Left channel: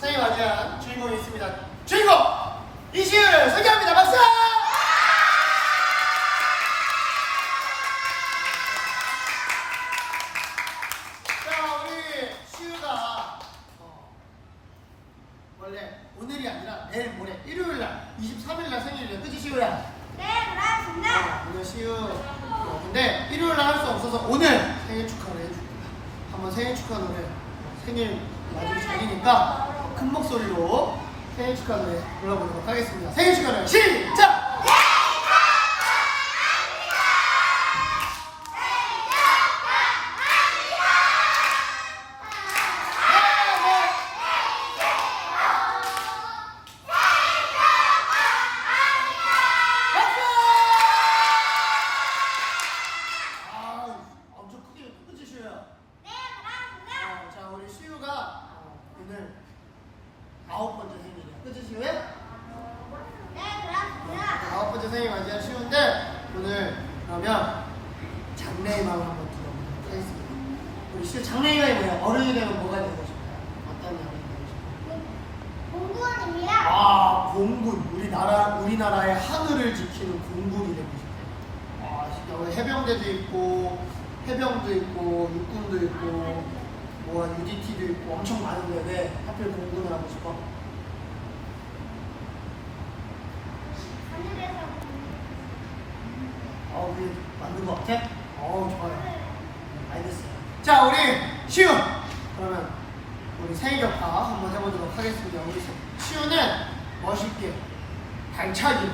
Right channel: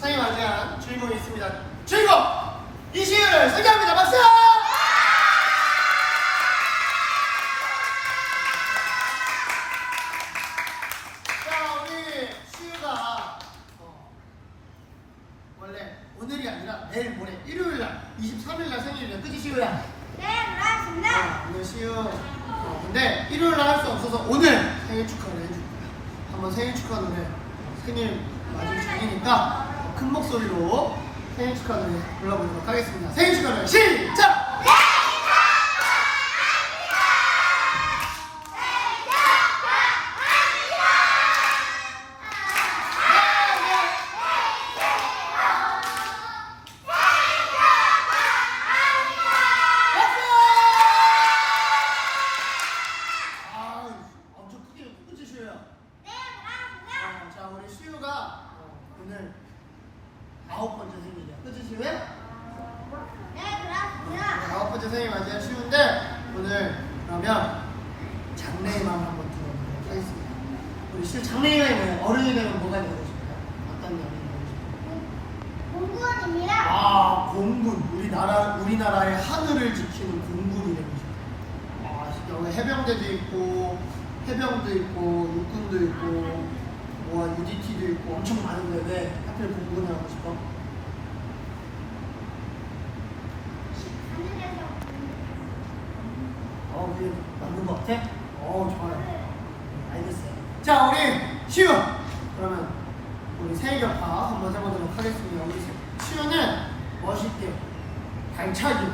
생일 맞이한 주인공이 있습니다. 주인공 이시을 소개합니다. 박수! 자, 우리 시우가 어, 원래 오늘이 아니라 내일 모레 일요일 날 23일 날 생일이래. 그지 시우야? 네, 그렇습니다. 어, 오늘 시우 어, 근데 일요일 날 할 수 없어서 오늘 생일 축하를 해줄 거야. 한번 생일 축하 노래 어, 생일 맞을 전이니까 큰 목소리로 생일 축하 노래 불러보도록 하겠습니다. 생일 축하 노래 시작! 아홉 번째 생일이야. 그치 시우야? 네, 그렇습니다. 아홉 번째 생일 맞이한 시우인데 오늘 그러면 장래희망을 한번 들어보도록 하겠습니다. 우리 시우 장래희망이 뭐예요? 어른이 되면 뭐가 되고 싶어요? 어떤 연예인 되고 싶어요? 공부원입니다. 아 공군 우리나라 우리나라의 하늘을 지키는 공군이 되고 싶대요. 아 우리 해병대도 있고 해병도 있고 육군도 있고 뭐 UDT도 있고 엄청 많은데 왜 하필 공군을 하고 싶어? 하늘에서 어 그게 맞는 것 같아? 어 좋아요. 네, 알겠어요. 자 우리 시우 그러면 우리 생일 격파 한번 해보도록 하겠습니다. 우리 세- 시우는 멋있게 발차기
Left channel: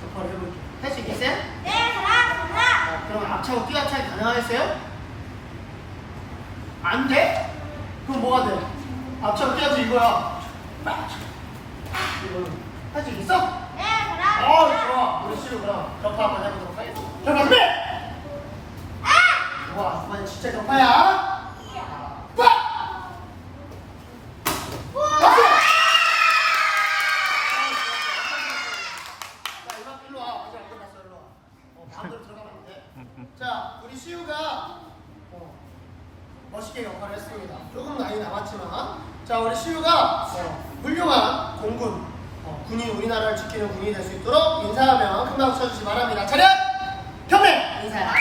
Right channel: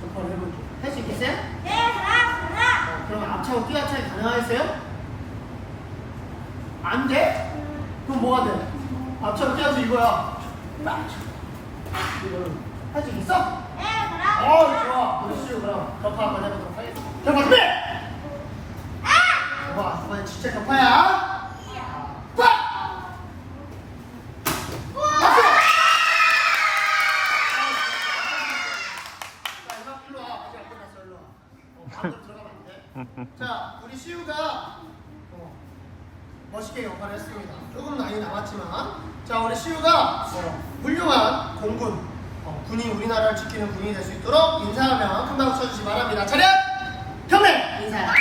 격파를 해볼게요. 할 수 있겠어요? 네, 그렇습니다. 어, 그럼 앞차고 뛰어차기 가능하겠어요? 안 돼? 그럼 뭐가 돼? 앞차고 뛰어서 이거야. 빡! 이걸로 할 수 있겠어? 네, 어 그렇습니다. 좋아. 우리 시우 그럼 격파 한번 해보도록 하겠습니다. 격파 준비! 아! 와 이번엔 진짜 격파야. 빡! 박수! 자 이만 일로 와. 아직 안 끝났어 일로 와. 어, 마음대로 들어가면 안 돼. 자 우리 시우가 어, 멋있게 역할을 했습니다. 조금 많이 남았지만 자 우리 시우가 어, 훌륭한 공군 어, 군인 우리나라를 지키는 군인이 될 수 있도록 인사하면 큰 박수 쳐주시 기 바랍니다. 차렷 경례 인사.